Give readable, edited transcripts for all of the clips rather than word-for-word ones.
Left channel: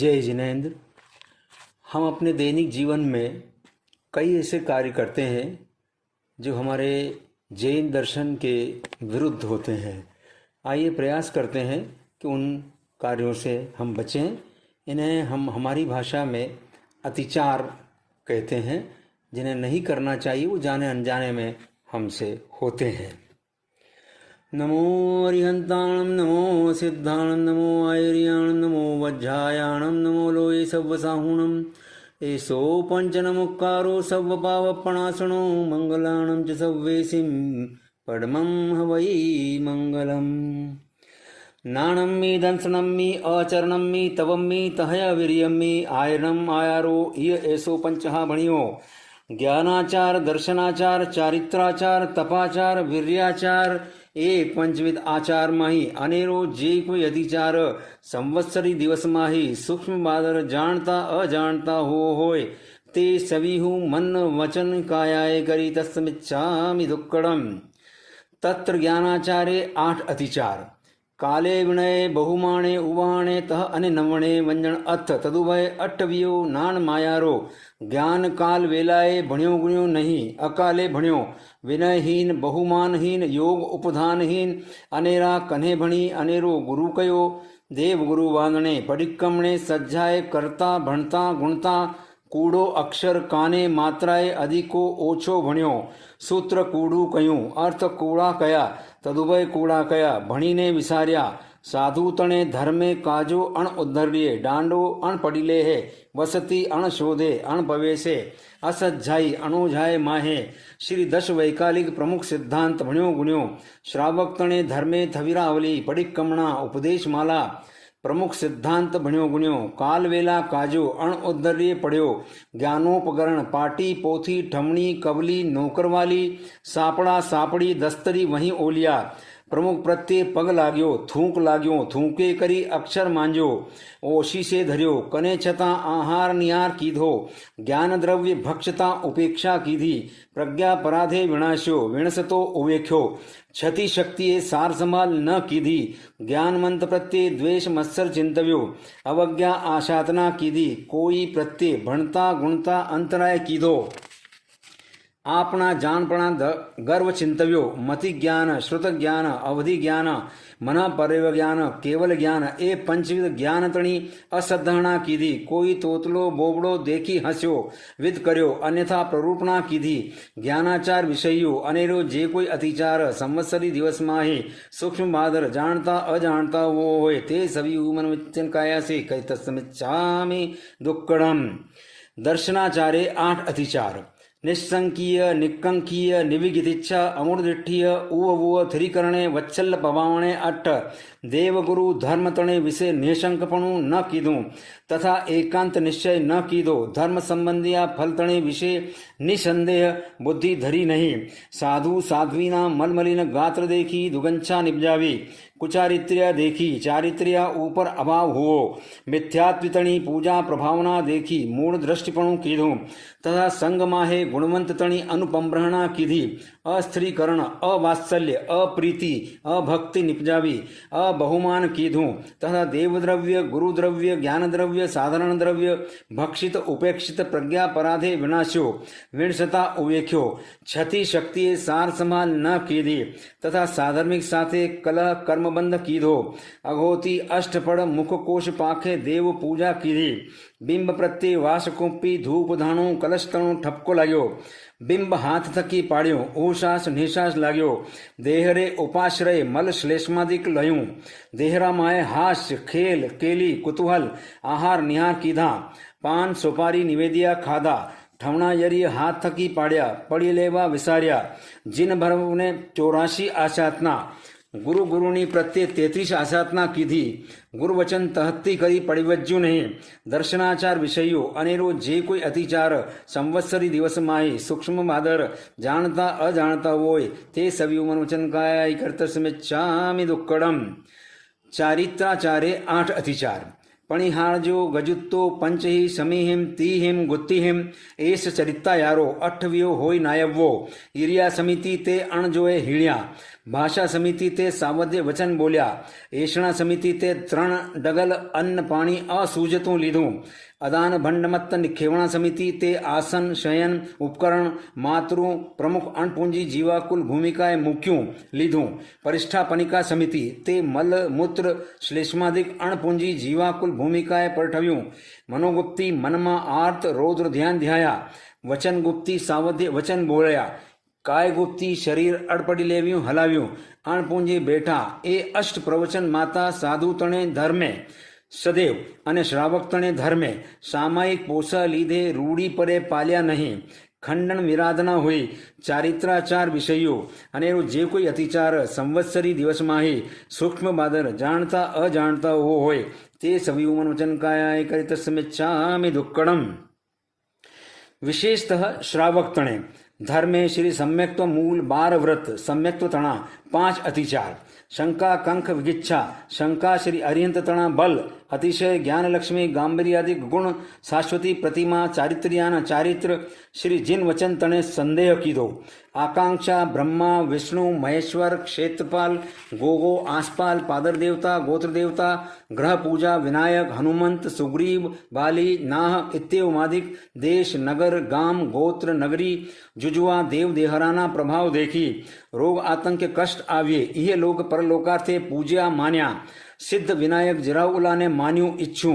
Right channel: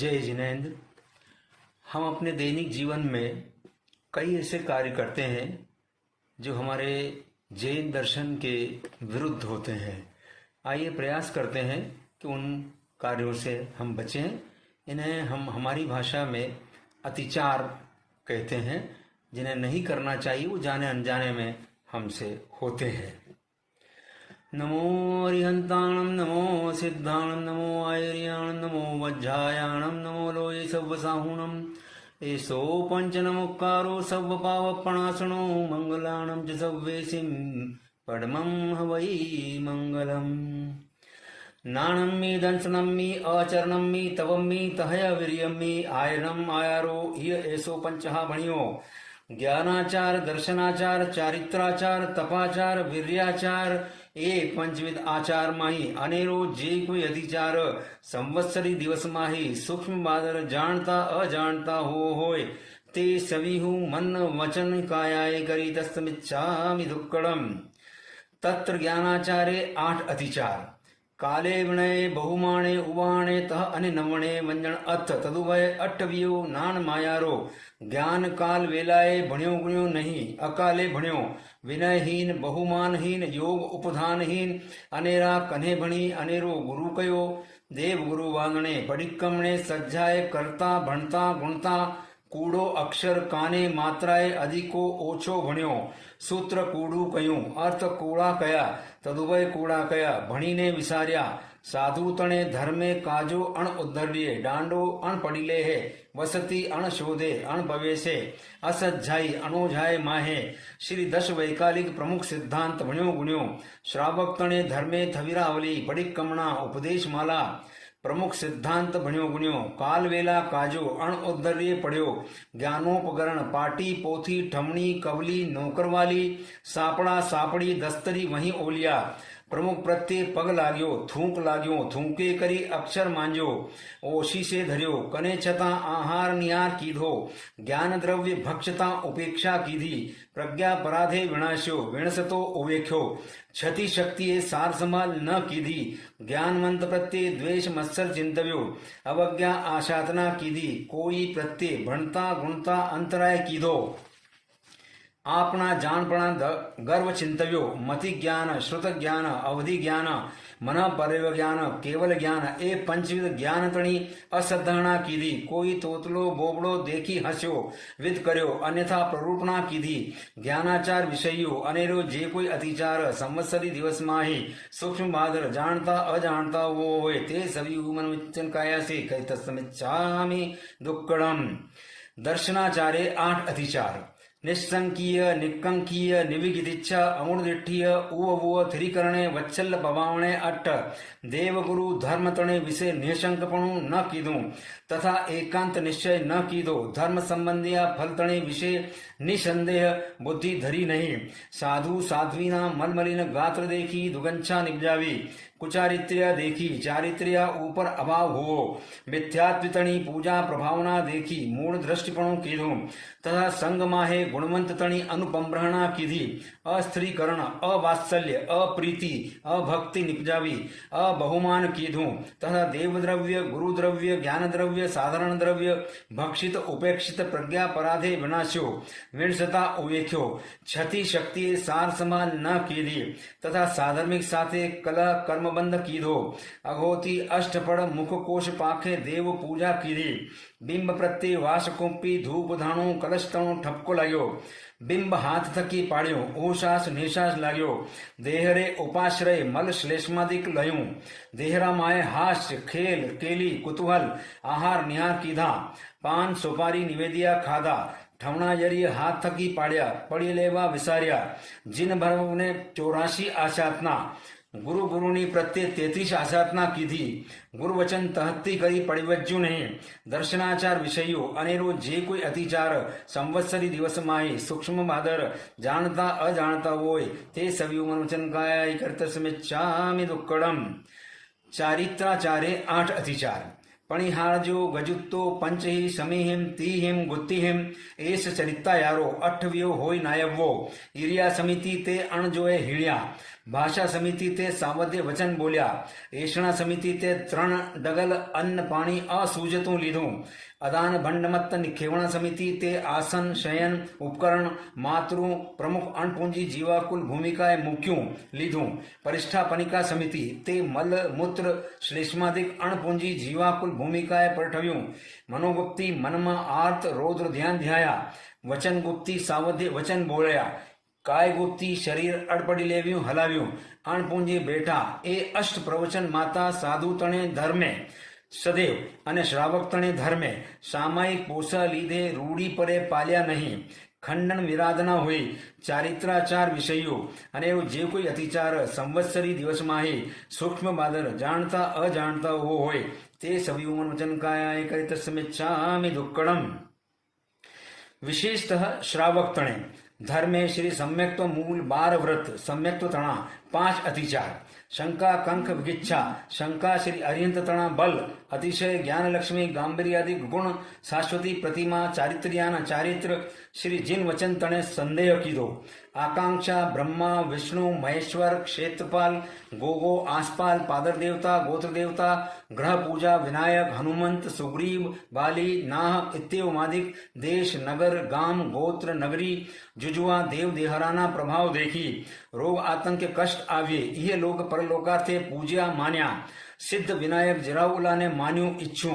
जय जिनेंद्र। हम अपने दैनिक जीवन में कई ऐसे कार्य करते हैं जो हमारे जैन दर्शन के विरुद्ध होते हैं। आइए प्रयास करते हैं कि उन कार्यों से हम बचें। इन्हें हम हमारी भाषा में अतिचार कहते हैं, जिन्हें नहीं करना चाहिए, वो जाने अनजाने में हमसे होते हैं। नमो अरिहंताणं नमो सिद्धाणं नमो आयर्याणं नमो वज्रायाणं नमो लोये सव्वसाहुणम् एषो पंचनमुक्कारो सव्वपावपणासनो मंगलाणं च सव्वेसिं पद्मं हवै मंगलम्। नाणं मे दंसनं मे आचरणं मे तवं मे तहय वीर्यं मे आयरणम् आयारो इय एषो पंचः भणियो ज्ञानाचार दर्शनाचार चारित्राचार तपाचार वीर्याचार ए पंचविध आचार माही अनेरो जे कोई अधिचार संवत्सरी दिवस माही सूक्ष्म बादर जानता अजानता होय ते सभी हूँ मन वचन कायाय करी तस्मिच्छामि दुक्कड़म। तत्र ज्ञानाचारे 8 अतिचार काले विनय बहुमाणे उवाणे तह अने नवणे वंजन अथ तदुभय अट्टवियो नान मायारो ज्ञान काल वेलाए भण्यो गुण्यो नहीं अकाले भण्यो विनयहीन बहुमानहीन योग उपधानहीन अनेरा कन्हे भणी अनेरो गुरु कयो देव गुरु वांगणे पडिक्कमणे सज्जाए करता भणता गुणता कूड़ो अक्षर काने मात्राए अधिको ओछो भण्यो सूत्र कूड़ू कयूं अर्थ कूड़ा कया तदुभय कूड़ा कया भणीने विसार्या साधु तणे धर्मे काजो अण उद्धर्ये डांडो अण पड़ीले है वसती अण शोधे अण भवेसे असज्जाई अणोझाए माहे श्री 10 वैकालिक प्रमुख सिद्धांत भण्यो गुण्यो श्रावक तणे धर्मे थविरावली पडिक्कमणा उपदेश माला प्रमुख सिद्धांत भण्यो गुण्यो काल वेला काजो अण उद्धर्ये पढ़्यो ज्ञानोपकरण पाटी पोथी ठमणी कवली नौकरवाली सापड़ा सापड़ी दस्तरी वहीं ओलिया प्रमुख प्रत्यय पग लाग्यो थूक लाग्यो थूके करी अक्षर मांजो ओशी से धर्यो कने छता आहार निहार कीधो ज्ञान द्रव्य भक्षता उपेक्षा कीधी प्रज्ञा पराधे विनाश्यो विणसतो उवेख्यो क्षति शक्ति सार संभाल न कीधी ज्ञान मंत प्रत्यय द्वेष मत्सर चिंतव्यो अवज्ञा आशातना कीधी कोई प्रत्यय भणता गुणता अंतराय कीधो आपना जानपणा गर्व चिंतव्यो मति ज्ञान श्रुत ज्ञान अवधि ज्ञान मन परव ज्ञान केवल ज्ञान ए पंचविध ज्ञान तणी असद्धहणा कीधी कोई तोतलो बोबड़ो देखी हस्यो विद कर्यो अन्यथा प्ररूपणा कीधी ज्ञानाचार विषयो अनेरो जे कोई अतिचार संवत्सरी दिवस माहे सूक्ष्म बादर जानता अजानता वो होए ते सभी मन विचन काया से कई तस्मिच्छामि दुक्कड़म। दर्शनाचारे 8 अतिचार निस्संकीय निक्कंकीय निविगितिच्छा अमूर्दिठीय उव थिरीकरणे वत्सल्य पवावणे अट्ठ देवगुरु धर्म तणे विषय निशंकपणु न कीधु तथा एकांत निश्चय न कीधो धर्म संबंधिया फल तणे विषय निसंदेह बुद्धि धरी नहीं साधु साध्वीना मलमलिन गात्र देखी दुगंछा निपजावी कुचारित्र्य देखी चारित्र्य ऊपर अभाव हुओ मिथ्यात्वितणी पूजा प्रभावना देखी मूढ़ दृष्टिपणु कीधु तथा संग माहे गुणवंत तणी अनुपम्रहणा कीधी अस्त्रीकरण अवात्सल्य अप्रीति अभक्ति निपजावी अबहुमान कीधु तथा देवद्रव्य गुरुद्रव्य ज्ञान द्रव्य साधारण द्रव्य भक्षित उपेक्षित प्रज्ञा पराधे विनाश्यो विणसता उवेख्यो क्षति शक्ति सार संभाल न कीधी तथा साधर्मिक साथे कलह कर्मबंध कीधो अघोती अष्टपड़ मुख कोश पाखे देव पूजा कीधी बिंब प्रत्यय वासकोपी धूप धाणु कलशतणु ठपको लाग्यो बिंब हाथ थकी पाड्यो ओशास निशास लाग्यो देहरे उपाश्रय मल श्लेष्मादिक लयूं देहरा माए हास्य खेल केली कुतूहल आहार निहार कीधा पान सुपारी निवेदिया खाधा ठवना यरी हाथ थकी पाड्या पड़ी लेवा विसार्या जिन भरव ने 84 आशातना गुरु गुरुनी प्रत्यय 33 आसातना कीधी गुरु वचन तहत्ती करी पड़िवज्जु नहीं दर्शनाचार विषयो अनेरो जे कोई अतिचार संवत्सरी दिवस माही सूक्ष्म बादर जानता अजानता वोय ते सभी मन वचन काय कर्तस्मिच्छामि दुक्कड़म। चारित्राचारे 8 अतिचार पणिहारजो गजुत्तो पंचही समीहिम तीहिम गुत्तिहिम एस चरिता यारो अठवियो होय नायवो ईरिया समिति ते अणजोए हीड़िया भाषा समिति ते सावध्य वचन बोलिया एषणा समिति ते त्रण डगल अन्न पाणी असूजतू लीधू अदान भंडमत्त निखेवणा समिति ते आसन शयन उपकरण मातृ प्रमुख अणपूंजी जीवाकुल भूमिकाए मुक्यूं लीधू परिष्ठापनिका समिति ते मल मूत्र श्लेष्मादिक अणपूंजी जीवाकुल भूमिकाए परठव्यूं मनोगुप्ती मनमा आर्त रौद्र ध्यान ध्याया वचन गुप्ती सावध्य वचन बोलया काय गुप्ती शरीर अड़पड़ी लेव्यूं हलाव्यूं अणपूंजी बैठा ए अष्ट प्रवचन माता साधु तणे धर्मे सदैव અને શ્રાવક તણે ધર્મે સામાયિક પોસા લીધે રૂડી પરે પાલ્યા નહીં ખંડન વિરાધના હોય ચારિત્રાચાર વિષયો અને એવું જે કોઈ અતિચાર સંવત્સરી દિવસમાં સૂક્ષ્મ બાદર જાણતા અજાણતા હોય તે સવિયુમન વચન કાયા કરિત સમિચ્છામિ દુક્કડમ विशेषतः श्रावक तणे धर्मे श्री सम्यक्त्व मूल 12 व्रत सम्यक्त्व तणा 5 अतिचार शंका कंक विगिच्छा शंका श्री अरिहंत तणा बल अतिशय ज्ञान लक्ष्मी गांभीर्यादि गुण शाश्वती प्रतिमा चारित्र्यान चारित्र श्री जिन वचन तणे संदेह कीधो आकांक्षा ब्रह्मा विष्णु महेश्वर क्षेत्रपाल गोगो आसपाल पादर देवता गोत्र देवता ग्रह पूजा विनायक हनुमंत सुग्रीव बाली नाह इत्यादि देश नगर गाम गोत्र नगरी जुजुआ देव देहराना प्रभाव देखी रोग आतंक कष्ट आविये यह लोग परलोकार्थे पूज्या मान्या सिद्ध विनायक जिराउला ने मान्यू इच्छू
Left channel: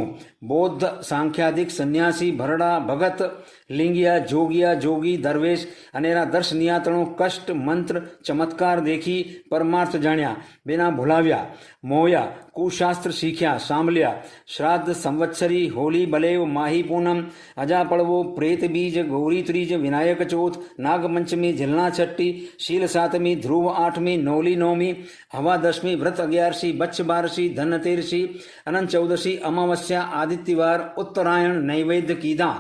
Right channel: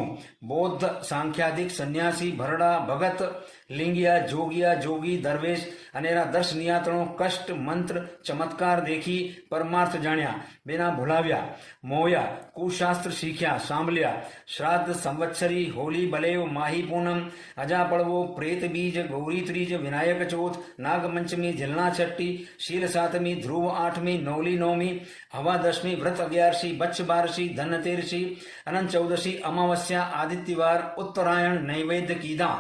बौद्ध सांख्यादिक सन्यासी भरड़ा भगत लिंगिया जोगिया जोगी दरवेश अनेरा दर्शनियातणो कष्ट मंत्र चमत्कार देखी परमार्थ जाण्या बिना भुलाव्या मोया कुशास्त्र सीख्या सांभल्या श्राद्ध संवत्सरी होली बलेव माही पूनम अजा पड़वो प्रेत बीज गौरी त्रीज विनायक चौथ नागपंचमी झिलना छठी शील सातमी ध्रुव आठमी नौली नौमी हवा दशमी व्रत 11सी बच्छ 12सी धनतेरसी अनंत 14सी अमावस्या आदित्यवार उत्तरायण नैवेद्य कीधा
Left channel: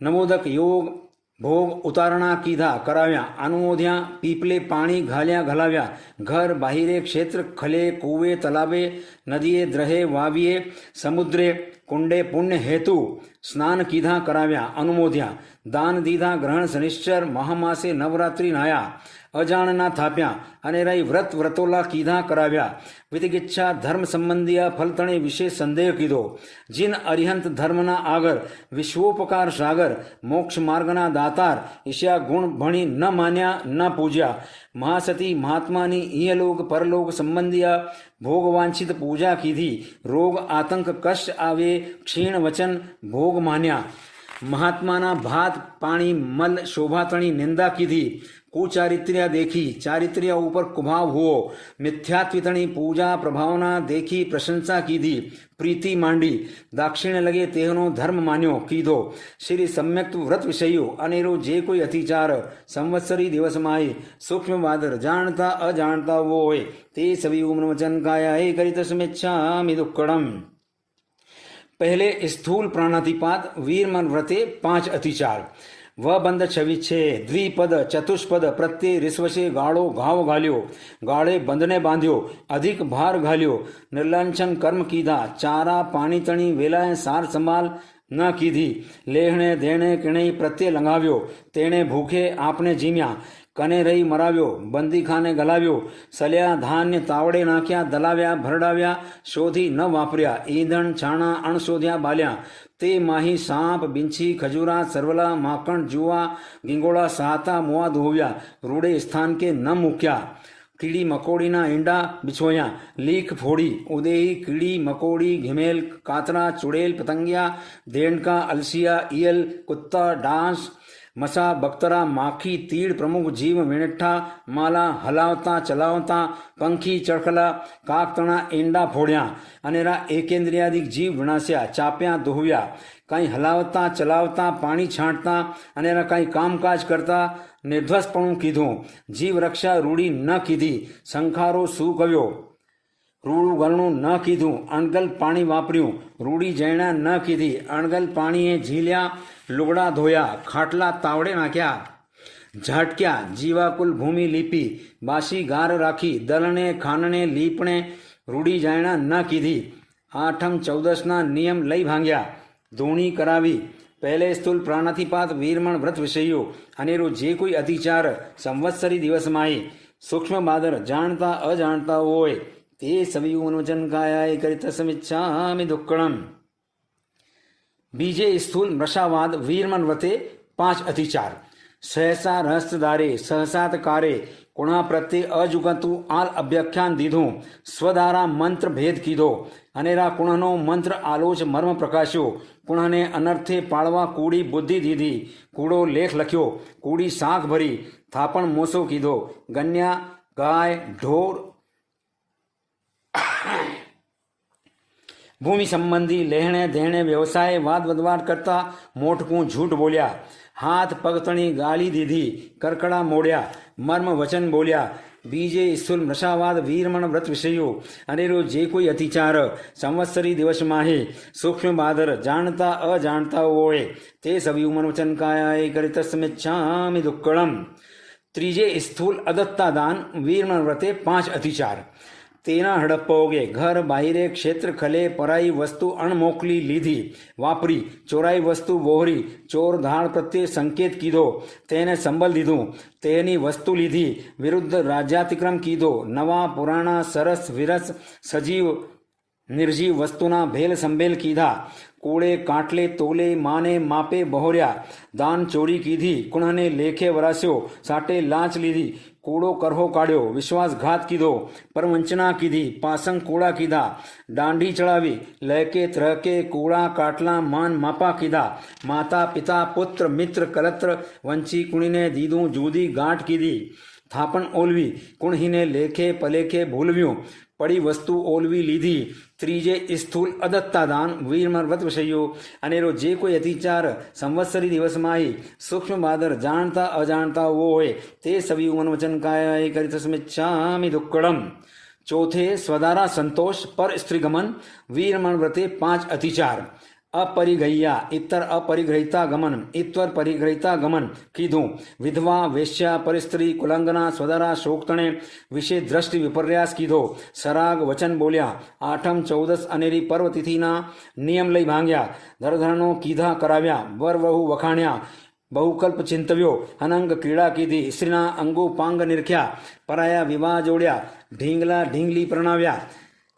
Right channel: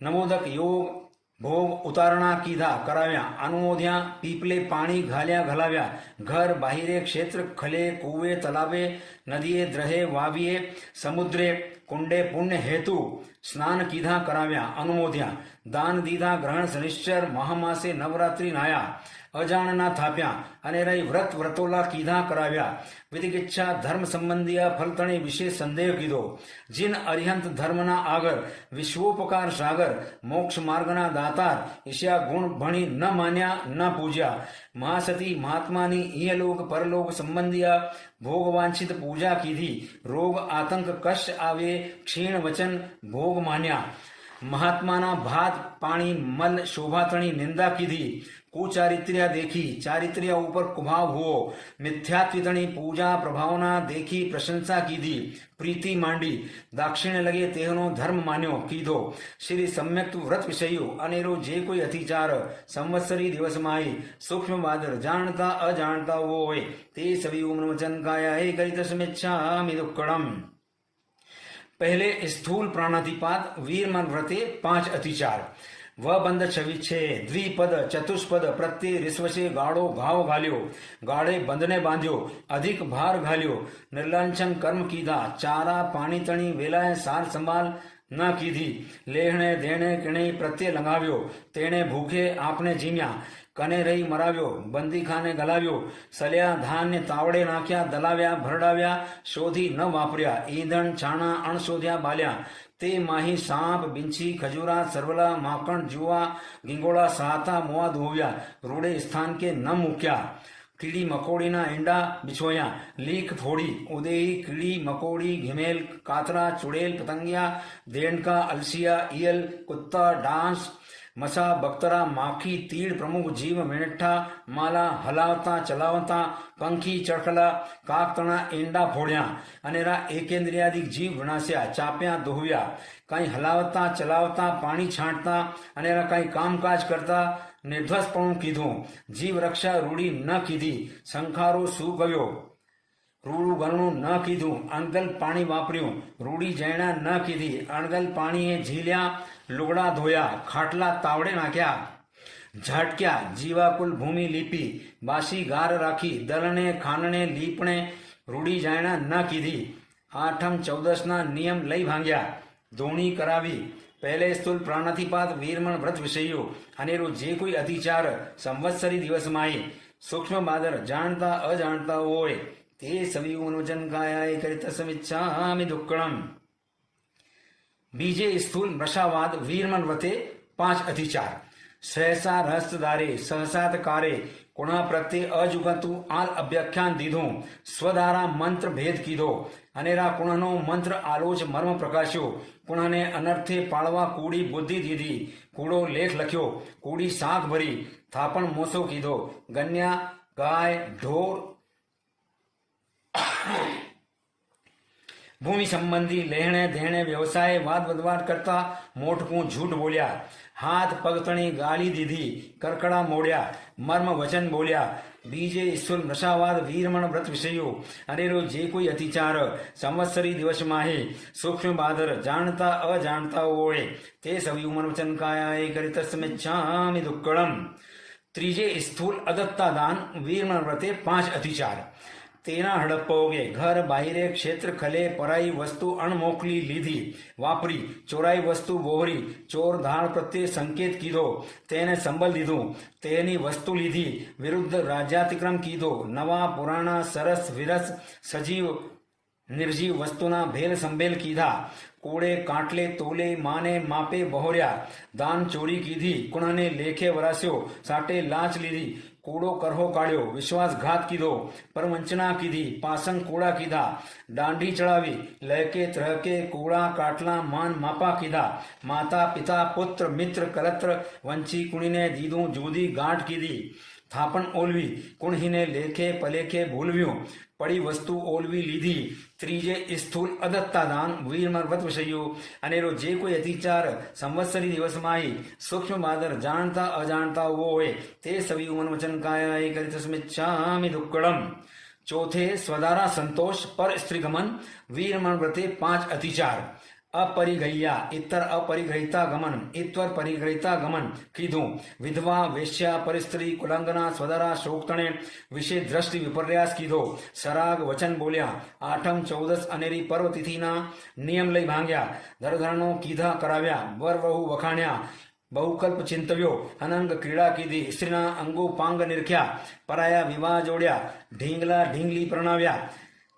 नवोदक योग भोग उतारणा कीधा कराव्या अनुमोद्या पीपले पाणी घाल्या घालाव्या घर बाहिरे क्षेत्र खले कुवे तलावे नदिये द्रहे वाविये समुद्रे कुंडे पुण्य हेतु स्नान कीधा कराव्या अनुमोद्या दान दीधा ग्रहण शनिश्चर महामासे नवरात्रि नाया अजाणना थाप्या અને રહી વ્રત વ્રતોલા કીધા કરાવ્યા વિધિગીચ્છા ધર્મ સંબંધીયા ફલતણે વિશેષ સંદેહ કીધો જીન અરિહંત ધર્મના આગર વિશ્વોપકાર સાગર મોક્ષ માર્ગના દાતાર ઈશ્યા ગુણ ભણી ન માન્યા ન પૂજ્યા महासती महात्मानी इहलोक परलोक संबंधिया भोग वांछित पूजा कीधी रोग आतंक कष्ट आवे क्षीण वचन भोग मान्या महात्माना भात पाणी मल शोभातणी निंदा कीधी कुचारित्र्या देखी चारित्र्य ऊपर कुभाव हुओ मिथ्यात्वितणी पूजा प्रभावना देखी प्रशंसा कीधी प्रीति मांडी दाक्षिण्य लगे तेहनो धर्म मान्यो कीधो श्री सम्यक व्रत विषयो अनेरो जे कोई अतिचार संवत्सरी दिवस माई सूक्ष्म बादर जानता अजानता वो होय ते सभी उम्र वचन काया हे करित समिच्छामि दुक्कडम। पहले स्थूल प्राणातिपात वीरमन व्रते 5 अतिचार व बंद 26 द्विपद चतुष्पद प्रत्यय रिश्वसे गाड़ो घाव घाल्यो गाड़े बंधने बांध्यो अधिक भार घाल्यो निर्लांछन कर्म कीधा चारा पानी तणी वेलाए सार संभाल न कीधी लेहणे देणे किणे प्रत्यय लंगाव्यो तेणे भूखे आपने जीम्या कने रही मराव्यो बंदी खाने गलाव्यो सल्या धान्य तावड़े नाख्या दलाव्या भरडाव्या शोधी न वापर्या ईंधण छाणा अणशोध्या बाल्या ते माही सांप बिंछी खजूरा सरवला माखण जुआ गिंगोड़ा सहाता मुआ धोव्या रूड़े स्थान के न मुक्या कीड़ी मकोड़ी ना ईंडा बिछोया लीख फोड़ी उदेही कीड़ी मकोड़ी घिमेल कातरा चुड़ैल पतंगिया देंडका अलसिया ईयल कुत्ता डांस मसा बख्तरा माखी तीड़ प्रमुख जीव मेणठा माला हलावता चलावता पंखी चड़खला काकतणा ईंडा फोड़्या अनेरा एकेंद्रियादिक जीव विनाश्या चाप्या दोहव्या कहीं हलावता चलावता पानी छांटता अनेरा कहीं कामकाज करता निर्ध्वसपणु कीधो जीव रक्षा रूढ़ी न कीधी संखारो सू कव्यो रूड़ू गरणू न कीधू अणगल पाणी वापर्યું रूढ़ी जैणा न कीधी अणगल पाणीए झील्या लुगड़ा धोया खाटला तावड़े नाख्या झाटक्या जीवाकुल भूमि लीपी बासी गार राखी दलने खानने लीपणे रूढ़ी जायणा न कीधी આઠમ ચૌદસના નિયમ લઈ ભાંગ્યા, ધૂણી કરાવી. પહેલે સ્થૂલ પ્રાણાતિપાત વીરમણ વ્રત વિષયો અનેરો જે કોઈ અતિચાર સંવત્સરી દિવસમાં સૂક્ષ્મ બાદર જાણતા અજાણતા હોય તે સવિયુનું વચન કાયાય કરી તસમિચ્છામિ દુક્કડમ. બીજે સ્થૂલ મૃષાવાદ વીરમન વ્રતે 5 અતિચાર. સહસા રહસ્યદારે સહસાતકારે કુણા પ્રત્યે અજુગતું આલ અભ્યાખ્યાન દીધું. સ્વદારા મંત્ર ભેદ કીધો. અનેરા કુણનો મંત્ર આલોચ મર્મ પ્રકાશ્યો. કુણને અનર્થે પાળવા કૂડી બુદ્ધિ દીધી. કૂડો લેખ લખ્યો, કૂડી શાક ભરી. થાપણ મોસો કીધો. ગન્યા ગાય ઢોર ભૂમિ સંબંધી લેણે દેણે વ્યવસાય વાદ વદવાટ કરતા મોટકું જૂઠ બોલ્યા. હાથ પગતણી ગાળી દીધી. કરકડા મોડ્યા. મર્મ વચન બોલ્યા. બીજે સ્થૂલ નશાવાદ વીરમણ વ્રત વિષયો અનેરો જે કોઈ અતિચાર સંવત્સરી દિવસમાં સૂક્ષ્મ બાદર જાણતા અજાણતા હોય તે સવિયુમન વચન કાયાય કરી તસ્મિચ્છામિ દુક્કડમ. ત્રીજે સ્થૂલ અદત્તા દાન વીરમણ વ્રતે 5 અતિચાર. તેના હડપ્પોગે ઘર બાહિરે ક્ષેત્ર ખલે પરાઈ વસ્તુ અણમોકલી લીધી વાપરી. ચોરાઈ વસ્તુ બોહરી. ચોર ધાડ પ્રત્યે સંકેત કીધો, તેને સંબલ દીધું. તેની વસ્તુ લીધી. વિરુદ્ધ રાજ્યાતિક્રમ કીધો. નવા પુરાણા સરસ વિરસ સજીવ નિર્જીવ વસ્તુના ભેલ સંભેલ કીધા. કોળે કાટલે તોલે માને માપે બહોર્યા. દાન ચોરી કીધી. કુણને લેખે વરાસ્યો. સાટે લાંચ લીધી. કૂડો કરહો કાઢ્યો. વિશ્વાસઘાત કીધો. પરવંચના કીધી. પાસંગ કૂડા કીધા. દાંડી ચડાવી. લહેકે ત્રહકે કૂડા કાટલા માન માપા કીધા. માતા પિતા પુત્ર મિત્ર કલત્ર વંચી કુણીને દીધું જુદી ગાંઠ કીધી. થાપણ ઓલવી. કુણહીને લેખે પલેખે ભૂલવ્યું. પડી વસ્તુ ઓલવી લીધી. ત્રીજે સ્થૂલ અદત્તાદાન વીરમણ વ્રત વિષયો અનેરો જે કોઈ અતિચાર સંવત્સરી દિવસમાં સૂક્ષ્મ બાદર જાણતા અજાણતા હોય તે સવિયુમન વચન કાયાય કરી તસ્મિચ્છામિ દુક્કડમ. ચોથે સ્વદારા સંતોષ પર સ્ત્રીગમન વીરમણ વ્રતે 5 અતિચાર. અપરિગ્રહ્યા ઇતર અપરિગ્રહિતા ગમન ઇત્વર પરિગ્રહિતા ગમન કીધું. વિધવા વેશ્યા પરિસ્ત્રી કુલંગના સ્વદારા શોકતણે વિશે દ્રષ્ટિ વિપર્યાસ કીધો. સરાગ વચન બોલ્યા. આઠમ ચૌદસ અનેરી પર્વ તિથિના નિયમ લઈ ભાંગ્યા. ધરધરનો કીધા કરાવ્યા. વર વહુ વખાણ્યા. બહુકલ્પ ચિંતવ્યો. અનંગ ક્રીડા કીધી. સ્ત્રીના અંગો પાંગ નિરખ્યા. પરાયા વિવાહ જોડ્યા. ઢીંગલા ઢીંગલી પ્રણાવ્યા.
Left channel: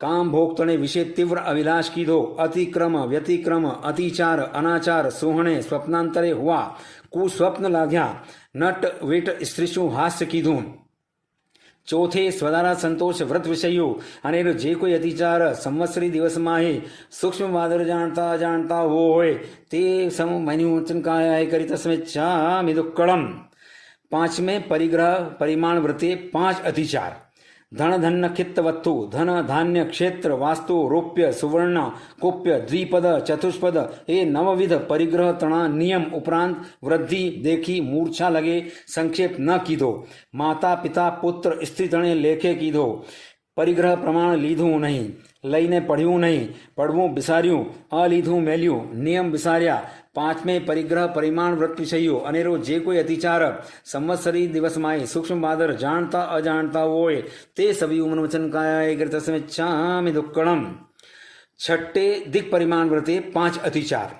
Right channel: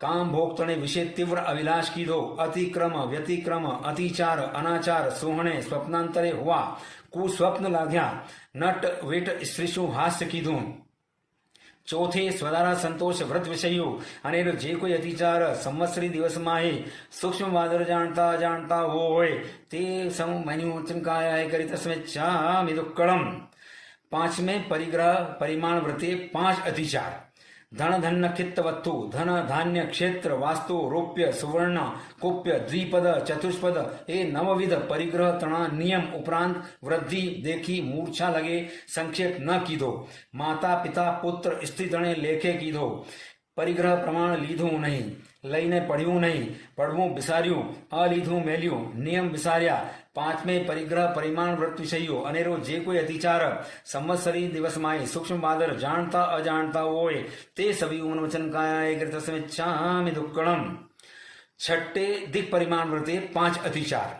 કામ ભોગતણે વિશે તીવ્ર અવિલાશ કીધો. અતિક્રમ વ્યતિક્રમ અતિચાર અનાચાર સોહણે સ્વપ્નાંતરે હુઆ. કુસ્વપ્ન લાગ્યા. નટ વેટ સ્ત્રીશું હાસ્ય કીધું. ચોથે સ્વદારા સંતોષ વ્રત વિષયો અને જે કોઈ અતિચાર સંવત્સરી દિવસમાં સૂક્ષ્મ વાદર જાણતા જાણતા હોય તે સમન્યુચન કાયા કરી તસ્મિચ્છામિ દુક્કડમ. પાંચમે પરિગ્રહ પરિમાણ વ્રતે 5 અતિચાર. ધન ધન ખિત્ત વસ્તુ ધન ધાન્ય ક્ષેત્ર વાસ્તુ રોપ્ય સુવર્ણ કુપ્ય દ્વિપદ ચતુષ્પદ એ નવવિધ પરિગ્રહ તણા નિયમ ઉપરાંત વૃદ્ધિ દેખી મૂર્છા લગે સંક્ષેપ ન કીધો. માતા પિતા પુત્ર સ્ત્રી તણે લેખે કીધો. પરિગ્રહ પ્રમાણ લીધું નહીં, લઈને પઢ્યું નહીં, પડવું બિસાર્યું, અલીધું મેલ્યું, નિયમ બિસાર્યા. પાંચમે પરિગ્રહ પરિમાણ વ્રત વિષયો અનેરો જે કોઈ અતિચાર સંવત્સરી દિવસમાં સૂક્ષ્મ બાદર જાણતા અજાણતા હોય તે સવિયુમન વચન કાયા તસ્મિચ્છામિ દુક્કડમ. છઠ્ઠે દિક પરિમાણ વ્રતે 5 અતિચાર.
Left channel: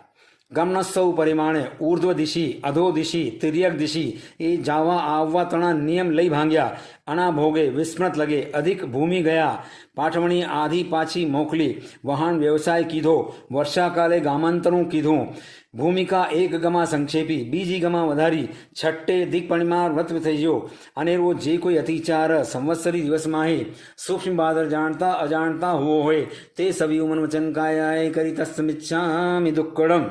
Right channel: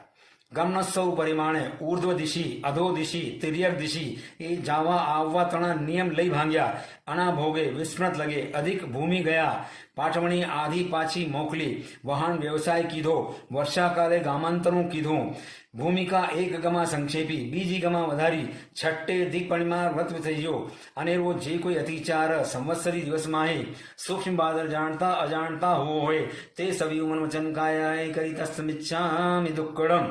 ગમનોત્સવ પરિમાણે ઉર્ધ્વ દિશી અધો દિશી તિર્યક દિશી એ જાવા આવવા તણા નિયમ લઈ ભાંગ્યા. અણા ભોગે વિસ્મૃત લગે અધિક ભૂમિ ગયા. પાઠવણી આધી પાછી મોકલી. વહાણ વ્યવસાય કીધો. વર્ષાકાલે ગામાંતરું કીધું. ભૂમિકા એક ગમા સંક્ષેપી બીજી ગમા વધારી. છઠ્ઠે દિક પરિમાણ વ્રત થયો અનેરો જે કોઈ અતિચાર સંવત્સરી દિવસમાં સૂક્ષ્મ બાદર જાણતા અજાણતા હોય તે સવિયુમન વચન કાયા કરી તસ્મિચ્છામિ દુક્કડમ.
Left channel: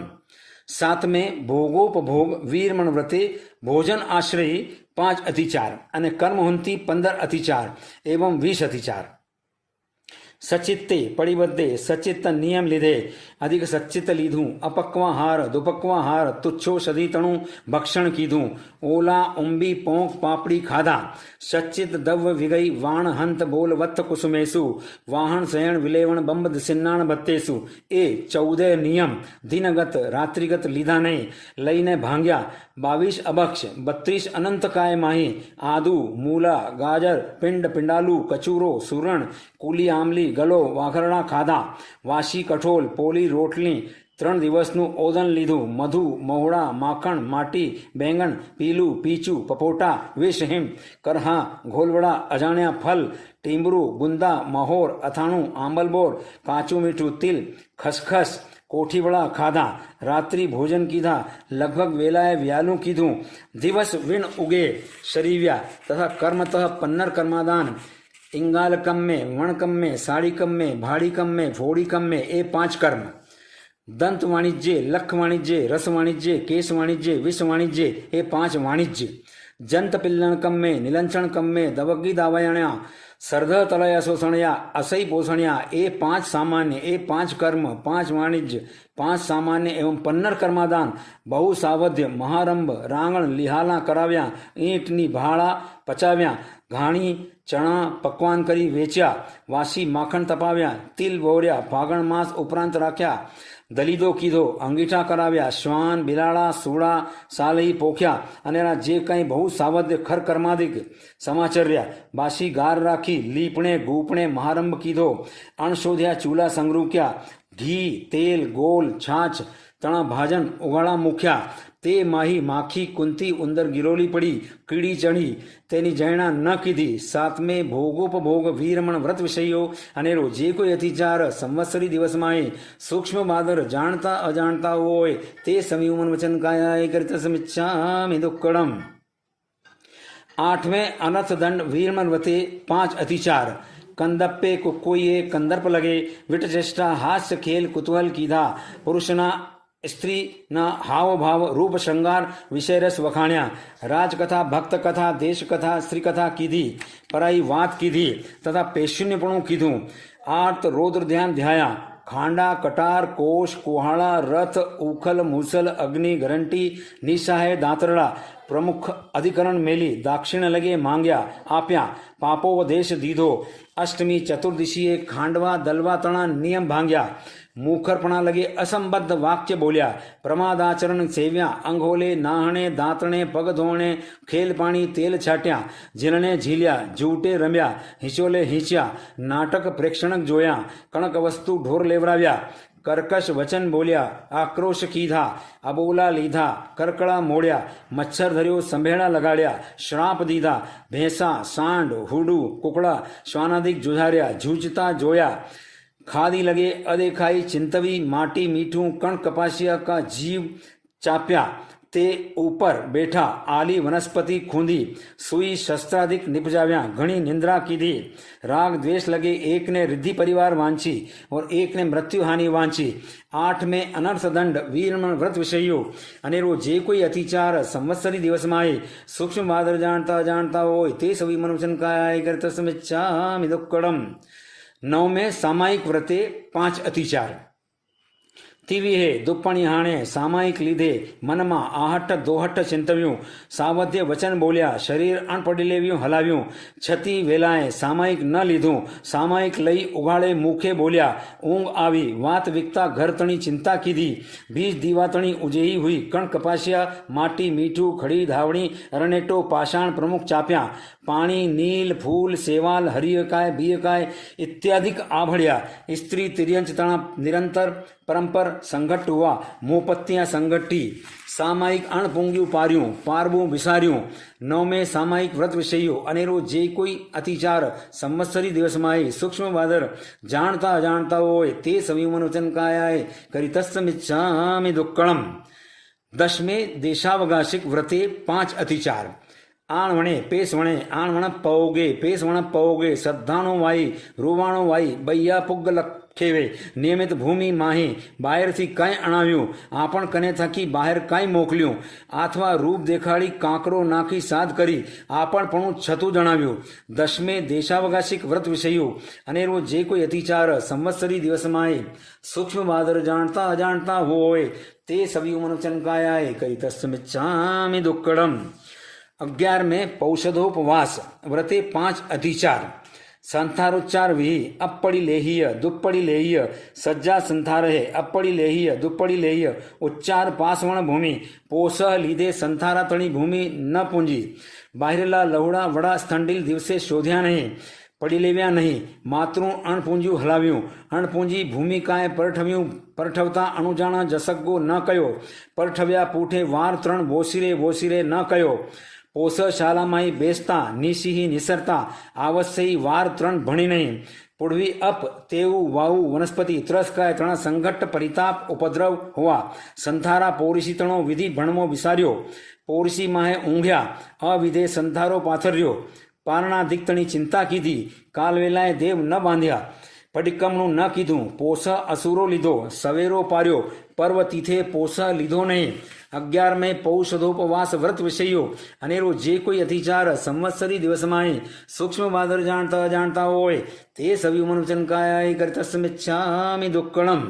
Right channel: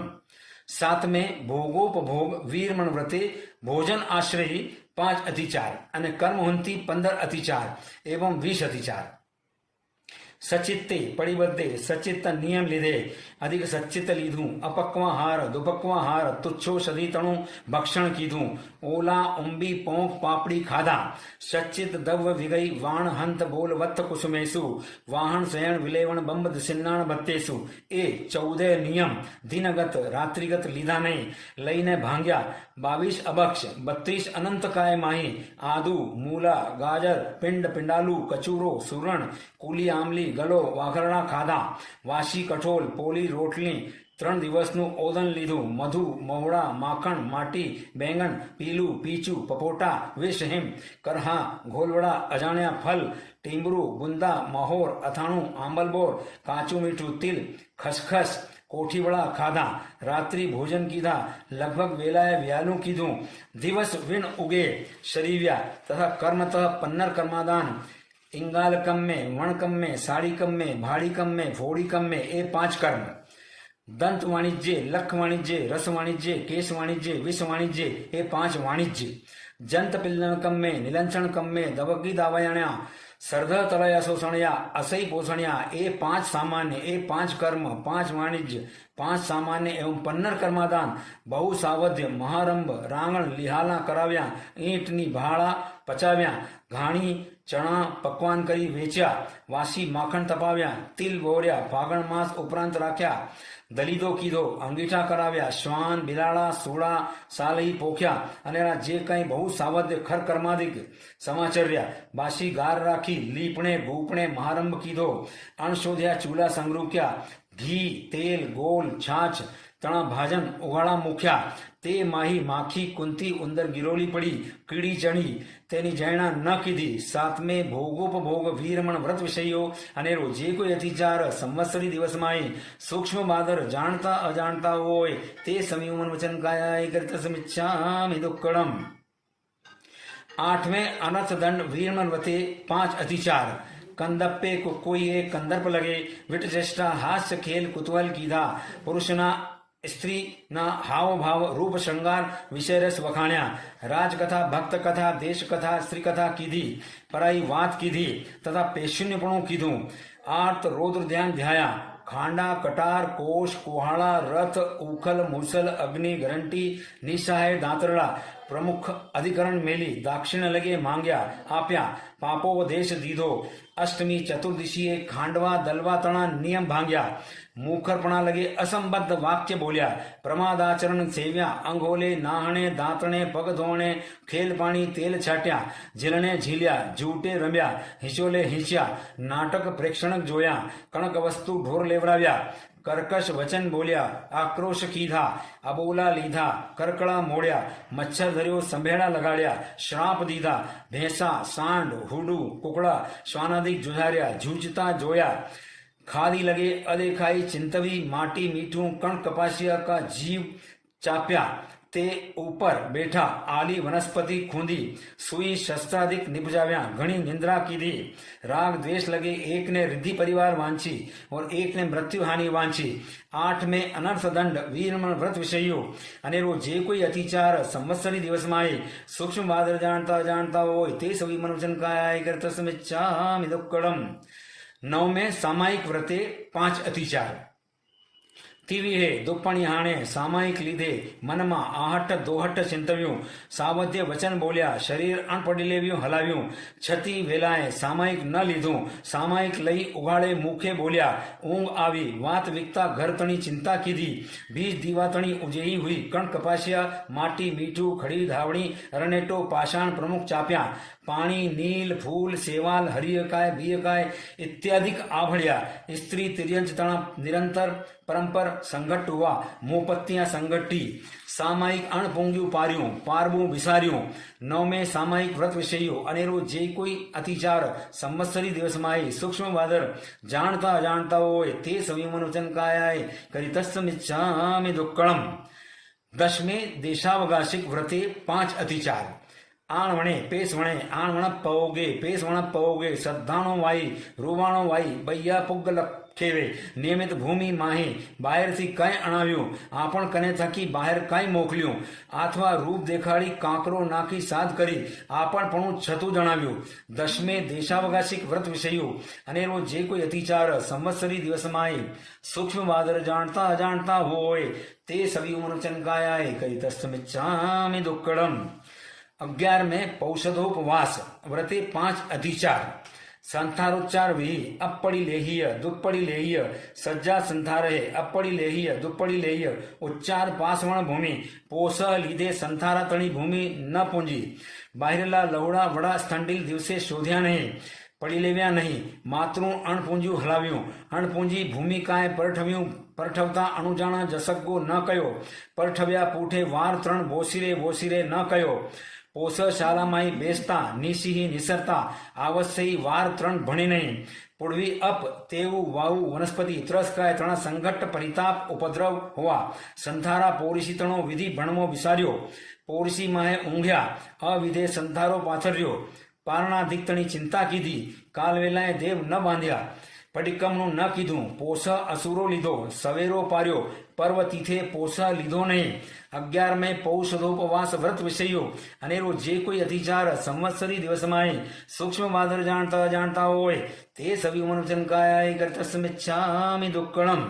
સાતમે ભોગોપભોગ વીરમણ વ્રતે ભોજન આશ્રય 5 અતિચાર અને કર્મહુંતિ 15 અતિચાર એવં 20 અતિચાર. સચિત્તે પડિબદ્ધે સચિત્ત નિયમ લીધે અધિક સચિત્ત લીધું. અપક્વાહાર દુપક્વાહાર તુચ્છો સદીતણું ભક્ષણ કીધું. ઓલા ઉંબી પોંખ પાપડી ખાધા. સચિત દવ વિગઈ વાણ હંત બોલ વત્થ કુસુમેશુ વાહણ શયણ વિલેવણ બંબ સિન્નાણ ભત્તેશુ એ 14 નિયમ દિનગત રાત્રિગત લીધા નહીં. લઈને ભાંગ્યા. 22 अभक्ष, 32 अनंत काय माही, आदू, मूला, गाजर, पिंड, पिंडालू, कचूरो, सुरण, કુલી આમલી, ગલો, વાઘરણા ખાધા, વાસી કઠોલ, પોલી રોટલી, 3 દિવસનું ઓદન લીધું, મધુ, મહુડા, માખણ, માટી, બેંગણ, પીલું, પીચું, પપોટા, વિષહિમ, કરહા, ઘોલવડા, અજાણ્યા ફલ, ટીમરું, ગુંદા, મહોર, અથાણું, આંબલબોર, કાચું મીઠું તિલ, ખસખસ, કોઠીવડા ખાધા, રાત્રિ ભોજન કીધા, લગભગ વેલાએ વ્યાલું કીધું, દિવસ વિણ ઉગે શરીવ્યા તથા કર્મતઃ પન્નર કર્માદાન, इंगालकम में, वणकम में, साड़ीकम में, भाड़ीकम में, फोड़ीकम में, ये 5 कर्म। दंत वाणिज्य, लख वाणिज्य, रस वाणिज्य, केश वाणिज्य, विष वाणिज्य, ये 5 वाणिज्य। जंत पिल्लणकम में, निलंचणकम में, दवगी दावयाण्या, सर्ध तलया शोषणया, असई पोषणया, ये 5 सामान्य, ये 5 कर्म, 5 वाणिज्य, 5 सामान्य एवं 15 कर्मादान, बहु सावध्य, महारंभ, रांगण, लिहाला कराव्या, ईंटनी भाड़ा पचाव्या, घाणी चણા પકવાન કરી વેચ્યા, વાસી માખણ તપાવ્યા, તિલ બોર્યા, ફાગણ માસ ઉપરાંત રાખ્યા, દલીદો કીધો, અંગીઠા કરાવ્યા, શ્વાન, બિલાડા, સૂડા, સાલહી પોખ્યા અને એના જે કંઈ બહુ સાવધ ખર કર્માદિક સમાચર્યા, બાસી ગાર રાખી, લીપણે ભૂપણે મહારંભ કીધો, અણશોધ્યા ચૂલા સંગરૂક્યા, ઘી, તેલ, ગોલ, છાછ, તણા ભાજન ઉગાડા મૂક્યા, તે માહી માખી કુંતી ઉંદર ગિરોલી પડી, કીડી ચણી, તેની જૈણા ન કીધી. 7મે ભોગોપભોગ વીરમણ વ્રત વિષયો અનેરો જે કોઈ અતિચાર સંવત્સરી દિવસમાં સૂક્ષ્મ બાદર જાણતા અજાણતા હોય તે સંયમન વચન કાયાય કરિત સમિચ્છામિ દુક્કડમ. 8મે અનર્થ દંડ વીરમણ વતે 5 અતિચાર. કંદપ્પે કોઈએ કંદર્પ લગે, વિટચેષ્ટા હાસ્ય ખેલ કુતૂહલ કીધા, પુરુષના સ્ત્રીના હાવભાવ રૂપ શૃંગાર વિષયરસ વખાણ્યા, રાજકથા, ભક્ત કથા, દેશ કથા, સ્ત્રી કથા કીધી, પરાઈ વાત કીધી તથા પેશુન્યપણું કીધું. આર્ત રૌદ્ર ધ્યાન ધ્યાયા, ખાંડા, કટાર, કોશ, કુહાડા, રથ, ઉખલ, મુસલ, અગ્નિ, ગરંટી, નિશાહે, દાંતરડા, પ્રમુખ અધિકરણ મેલી, દાક્ષિણ લગે માંગ્યા, આપ્યા, પાપોપદેશ દીધો. અષ્ટમી ચતુર્દશીએ ખાંડવા દલવા તણા નિયમ ભાંગ્યા, મૂખરપણા લગે અસંબદ્ધ વાક્ય બોલ્યા, પ્રમાદાચરણ સેવ્યા, અંગોલે, નાહણે, દાંતણે, પગ ધોણે, ખેલ પાણી, તેલ છાટ્યા, ઝીલણે ઝીલ્યા, જૂટે રમ્યા, હિંચોલે હિંચ્યા, નાટક પ્રેક્ષણક જોયા, કણક વસ્તુ ઢોર લેવડાવ્યા, કર્કશ વચન બોલ્યા, આક્રોશ કીધા, અબોલા લીધા, કરકળા મોડ્યા, મચ્છર ધર્યો સંભેળા લગાડ્યા, શ્રાપ દીધા, ભેંસા, સાંડ, હુડું, કુકડા, શ્વાનાદિક જુઝાર્યા, જૂજતા જોયા, खादी लगे अदेखाई चिंतवी, माटी मीठू कण कपासिया का जीव चाप्या, ते ऊपर बैठा, आली वनस्पति खूंदी, सुई शस्त्राधिक निपजाव्या, घणी निंद्रा कीधी, राग द्वेष लगे, एक ने रिद्धि परिवार वांची और एक ने मृत्यु हानि वांची. 8મે अनर्थ दंड वीरमण व्रत विषयो अनेरो जे कोई अतिचार संवत्सरी दिवसमाय सूक्ष्म बादर जानता जानता होय ते सवी मनुचन काय कर्तस्मिच्छामि दुक्कडम. 9મે सामायिक व्रते 5 अतिचार. तिविहे दुप्पणी हाणे सामायिक लीधे, मनमा आहट दोहट चिंतव्યું, सावध्य वचन बोल्या, शरीर अणपડી લેવ્યું હલાવ્યું, છતી વેલાએ સામાયિક ન લીધું, સામાયિક લઈ ઉઘાડે મુખે બોલ્યા, ઊંઘ આવી, વાત વિકતા ઘર તણી ચિંતા કીધી, બીજ દીવા તણી ઉજેહી હુઈ, કણ કપાસિયા, માટી મીઠું, ખડી ધાવણી, રણેટો, પાષાણ પ્રમુખ ચાપ્યા, પાણી, નીલ, ફૂલ, સેવાલ, હરિયકાય, બીયકાય इत्यादिक आभड़िया, स्त्री तिर्यंच तणा निरंतर परंपर संगठ हुआ, मोपत्तियां संगठी, सामायिक अणपूंग्यू पार्यूं, पारबू विसार्यूं. 9મે सामायिक व्रत विषयो अनेरो जे कोई अतिचार संवत्सरी दिवसमाय सूक्ष्म बादर जानता अजाणता होय ते संयमन कायाय करितस्मिच्छामि दुक्कडम. 10મે देशावकाशिक व्रते 5 अतिचार. आणवणे पेसवणे आणवण पवगे पेसवण पवगे, श्रद्धाणो वाई रुवाणो वाई, बૈયા પુગ્ગ લખેવે, નિયમિત ભૂમિ માહી, બહારથી કાંઈ અણાવ્યું, આપણ કને થકી બહાર કાંઈ મોકલ્યું, અથવા રૂપ દેખાડી કાંકરો નાખી સાધ કરી, આપણપણું છતું જણાવ્યું. 10મે દેશાવકાશિક વ્રત વિષયો અનેરો જે કોઈ અતિચાર સંવત્સરી દિવસમાં સૂક્ષ્મ બાદર જાણતા અજાણતા હોય તે સવિયું મનુચન કાયાય કરિતસ્મિચ્છામિ દુક્કડમ. 11મે પૌષધોપવાસ વ્રતે 5 અતિચાર. संथारोच्चार विहि अपड़ी लेहिय दुप्पड़ी लेहिय सज्जा संथार है अपड़ी लेहिय दुप्पड़ी लेहिय उच्चार पासवण भूमि पोस लीधे संथारा तणी भूमि न पूंजी बाहिरला लहुड़ा वड़ा स्थंडिल दिवसे शोध्या नहीं पड़ी लेव्या नहीं मातृ अणपूंजी हलाव्યું अणपूंजी भूमिकाए परठव्યું परठवता अणुजाणा जसगो न कयो परठव्या पूठे वार त्रण वोसिरे वोसिरे न कयो पोस शालामाई बेसता निशिही निसरता आवश्यई वार त्रण भणी नहीं पुड़वी अप तेऊ वाऊ वनस्पति त्रस्काय त्रण संघट्ट परिताप उपद्रव हुआ संथारा पोरिशी तणो विधि भणमो विसार्यो पोरिशी माहे ऊंघ्या अविधे संथारो पाथर्यो पारणा दिक्तणी चिंता कीधी काल वेलाए देव न बांध्या पडिक्कमનું ન કીધું પોષ અસુરો લીધો સવેરો પાર્યો પર્વ તીથે પોષ લીધો નહીં 11 મે પૌષધોપવાસ વ્રત વિષયો અનેરો જે કોઈ અધિચાર સંવત્સરી દિવસમાં સૂક્ષ્મ બાદર જાણતા જાણતા હોય તે સવી મનુચન કાય કર્તસ્મિચ્છામિ દુક્કડમ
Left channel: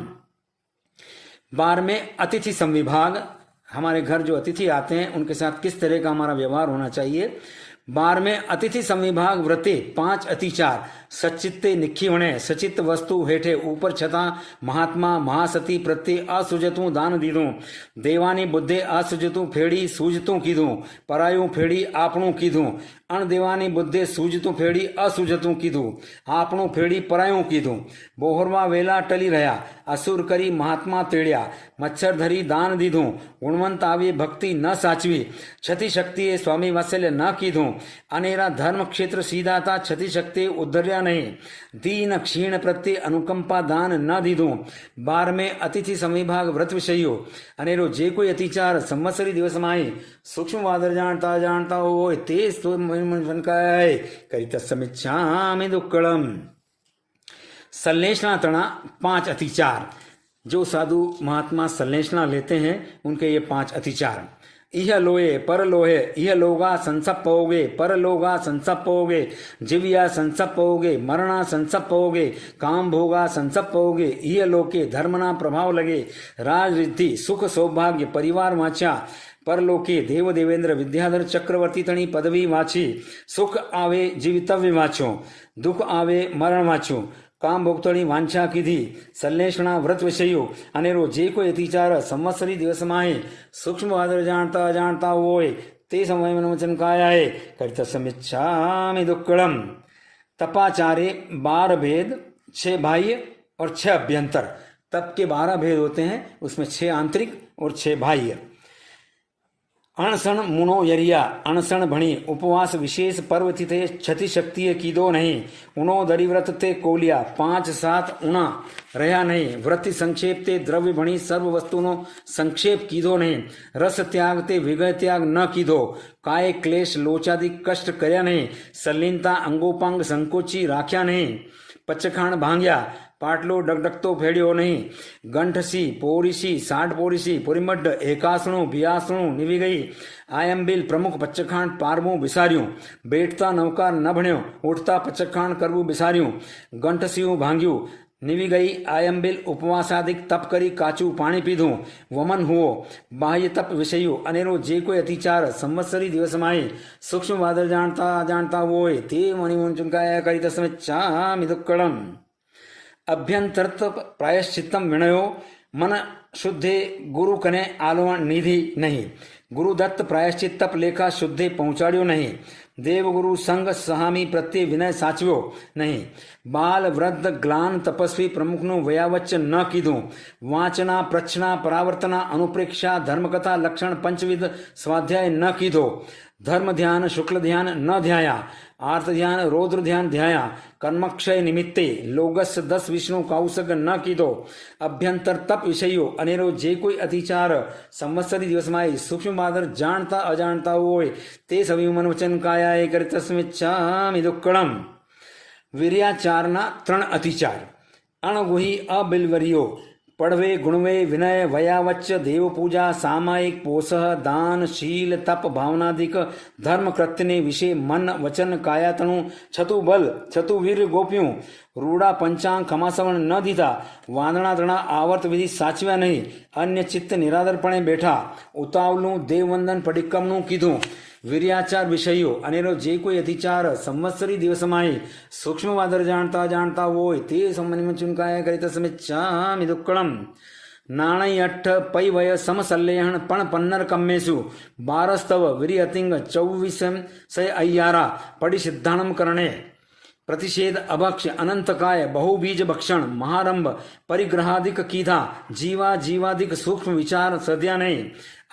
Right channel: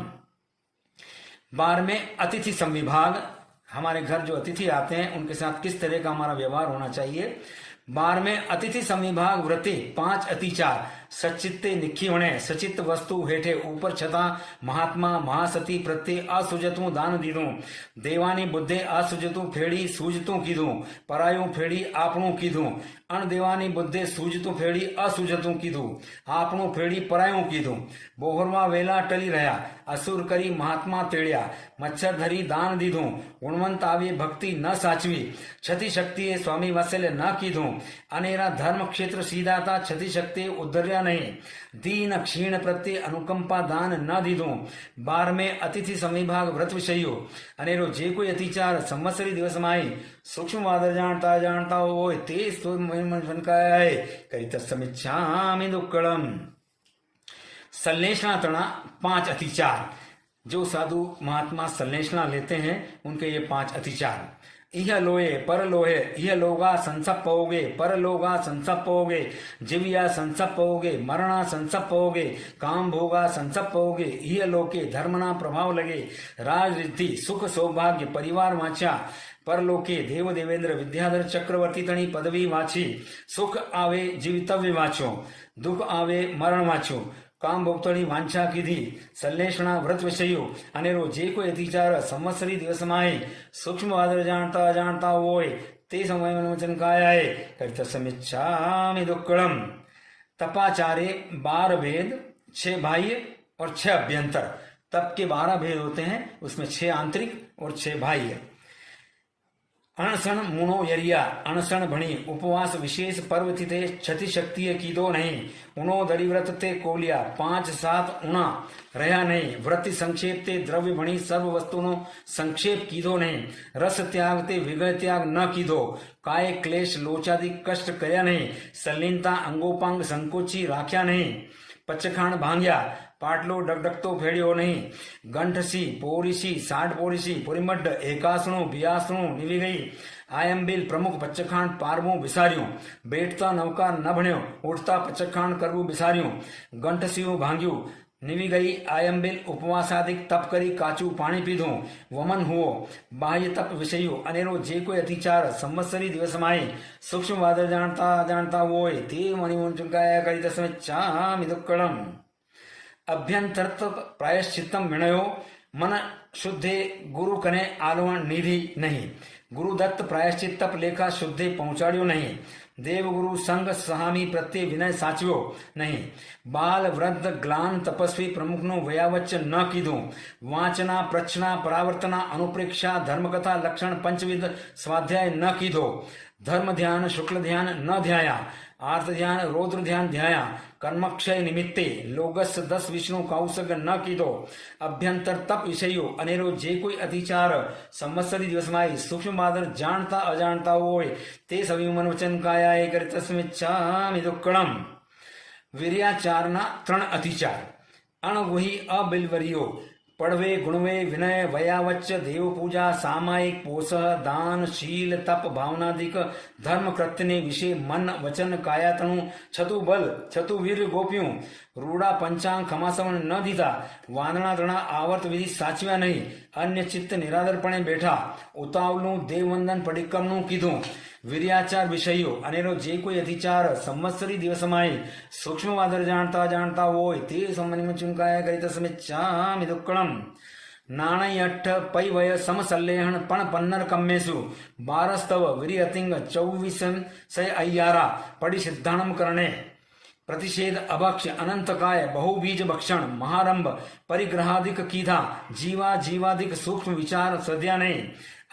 12 में अतिथि संविभाग हमारे घर जो अतिथि आते हैं उनके साथ किस तरह का हमारा व्यवहार होना चाहिए 12 में अतिथि संविभाग व्रते 5 अतिचार सचित्ते निखीवणे सचित वस्तु हेठे ऊपर छता महात्मा महासती प्रत्ये असुजतू दान दीधू देवानी बुद्धे असुजतू फेड़ी सूझतू कीधू परायू फेड़ी आपणू कीधू अण देवानी बुद्धे सूझतू फेड़ी असुजतू कीधू आपणू फेड़ी परायू कीधू बोहरवा वेला टली रहा असुर करी महात्मा तेड़्या मच्छर धरी दान दीधू गुणवंत आवे भक्ति न साचवी छति शक्तिए स्वामी वात्सल्य न कीधू अनेरा धर्म क्षेत्र सीधा था छति शक्ति उद्धर्या नहीं दीन क्षीण प्रत्ये अनुकंपा दान न दीधू 12 में अतिथि संविभाग व्रत विषयो अनेरो जे कोई अतिचार संवत्सरी दिवस में सूक्ष्म वादर जानता जानता हो तेज तो मन का है करी तत्समिच्छामि दुक्कड़म संलेषणा तणा 5 अतिचार जो साधु महात्मा संलेषणा लेते हैं उनके ये 5 अतिचार इह लोहे पर लोहे इह लोगा संसप्पोगे पर लोगा संसप्पोगे जिविया संसप्पोगे मरणा संसप्पोगे काम भोगा संसप्पोगे इह लोके धर्मना प्रभाव लगे राज रिद्धि सुख सौभाग्य परिवार वाचा परलोके देव देवेंद्र विद्याधर चक्रवर्ती तणी पदवी वाची सुख आवे जीवितव्य वाचो दुख आवे मरण वाचो काम भोगतोनी वांछा कीधी संलेषणा व्रत विषयो अनेरो जे कोई अतिचार संवत्सरी दिवस में सूक्ष्म वादर जानता जानता होय ते समय वचन काया है कर्तसमिच्छामि दुक्कड़म तपाचारे 12 भेद 6 बाह्य और 6 अभ्यंतर तप के 12 भेद होते हैं उसमें 6 आंतरिक और 6 बाह्य अणसण मुनो यरिया अणसण भणी उपवास विशेष पर्व तिथे छति शक्ति कीधो नहीं उनो दरी व्रत ते कोलिया 5-7 उणा रहा नहीं व्रति संक्षेप ते द्रव्य भणी सर्व वस्तुनो संक्षेप कीधो नहीं रस त्याग ते विगय त्याग न कीधो काय क्लेश लोचादि कष्ट कर्या नहीं सलीनता अंगोपांग संकोची राख्या नहीं पचखाण भांग्या पाटलो डगडगतो फेड़ियो नहीं गंठसी पोरीसी 60 पोरीसी पुरीमड्ड एकासणो बियासणो निवी गई आयंबिल प्रमुख पच्चखाण पारमो बिसारियों बैठता नौकार न भण्यो उठता पच्चखाण करवू बिसारियों गंठसियों भांग्यू निवी गई आयंबिल उपवासादिक तप करी काचू पानी पीधू वमन हुओ बाह्य तप विषयो अनेरो जे कोई अतिचार संवत्सरी दिवस में सूक्ष्म वादर जानता जानता वो ते मणिमन चुनकाया करी तस्मिच्छामि दुक्कड़म अभ्यंतर प्रायश्चित्तम विनयो मन शुद्धे गुरु कने आलवण निधि नहीं गुरु दत्त प्रायश्चित तप लेखा शुद्धे पहुंचाड़ियो नहीं देव गुरु संग सहामी प्रत्ये विनय साचव्यो नहीं बाल वृद्ध ग्लान तपस्वी प्रमुख नु वयावच्च न कीधु वाचना प्रच्छना परावर्तना अनुप्रेक्षा धर्मकथा लक्षण पंचविध स्वाध्याय न कीधो धर्म ध्यान शुक्ल ध्यान न ध्याया आर्थ ध्यान रौद्र ध्यान ध्याया कर्मक्षय निमित्ते लोगस 10 विष्णु काउसग न कीधो अभ्यंतर तप विषयो अनेरो जे कोई अतिचार संवत्सरी दिवस में सूक्ष्म मादर जानता अजानता होय ते सभी मन वचन काया कर तस्मिच्छामि दुक्कड़म वीर्याचारना 3 अतिचार अणगुही अबिलवरियो पढ़वे गुणवे विनय वयावच्च देव पूजा सामायिक पोषः दान शील तप भावनादिक धर्म कृत्य ने विषय मन वचन काया तणु छतु बल छतु वीर गोप्यों रूड़ा पंचांग खमासवण न दीधा वादना दणा आवर्त विधि साचव्या नहीं अन्य चित्त निरादरपणे बैठा उतावलू देववंदन पडिक्कमनु कीधु વીર્યાચાર વિષયો અનેરો જે કોઈ અતિચાર સંવત્સરી દિવસમાં સૂક્ષ્મ વાદર જાણતા જાણતા હોય તે સંબંધમાં ચુનકાયા કરી તસ્મિચ્છામિ દુક્કડમ નાણય અઠ્ઠ પૈ વય સમસલ્લેહણ પણ પન્નર કમ્મેસુ બારસ્તવ વિરિયતિંગ 24 અય્યારા પડી સિદ્ધાણમ કરણે प्रतिषेध अभक्ष अनंतकाय बहुबीज भक्षण महारंभ परिग्रहादिक कीधा जीवा जीवादिक सूक्ष्म विचार सद्या नहीं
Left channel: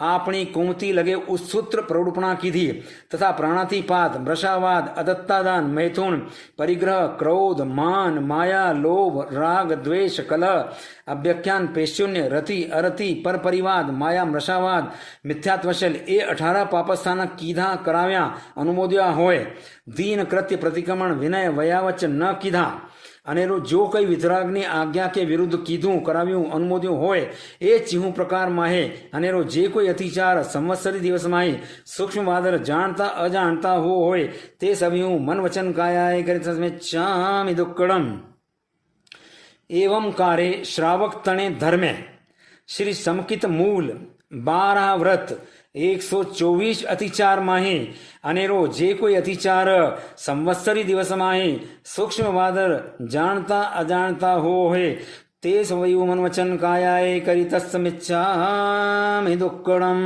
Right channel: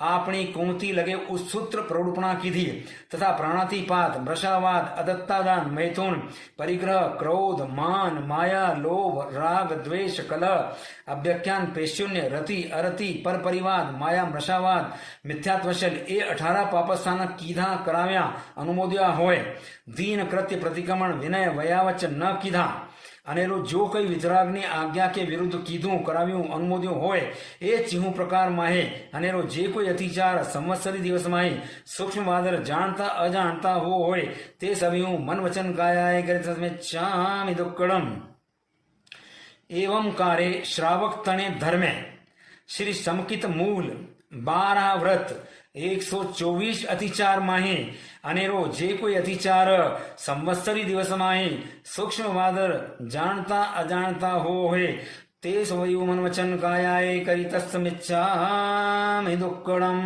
आपणी कुमती लगे उस सूत्र प्रौढ़पणा कीधी तथा प्राणातिपात मृषावाद अदत्तादान मैथुन परिग्रह क्रोध मान माया लोभ राग द्वेष कलह अभ्यख्यान पेशून्य रति अरति पर परिवाद माया मृषावाद मिथ्यात्वशल ए 18 पापस्थान कीधा कराव्या अनुमोद्या होय दीन कृत्य प्रतिक्रमण विनय वयावच न कीधा अनेरो जो कई वितरागनी आज्ञा के विरुद्ध कीधुं कराव्युं अनुमोद्युं होय ए चीहू प्रकार माहे अनेरो जे कोई अतिचार संवत्सरी दिवस माहे सूक्ष्म वादर जानता अजाणता होय ते सभ्युं मन वचन कायाय करे तस्मिच्छामि दुक्कडम एवं कारे श्रावक तणे धर्मे श्री समकित मूल 12 व्रत 124 अतिचार माहे अनेरो जे कोई अतिचार संवत्सरी दिवस माहे सूक्ष्म वादर जानता अजाणता होय ते स्वयं मन वचन कायाय करी तस्मिच्छामि दुक्कडम।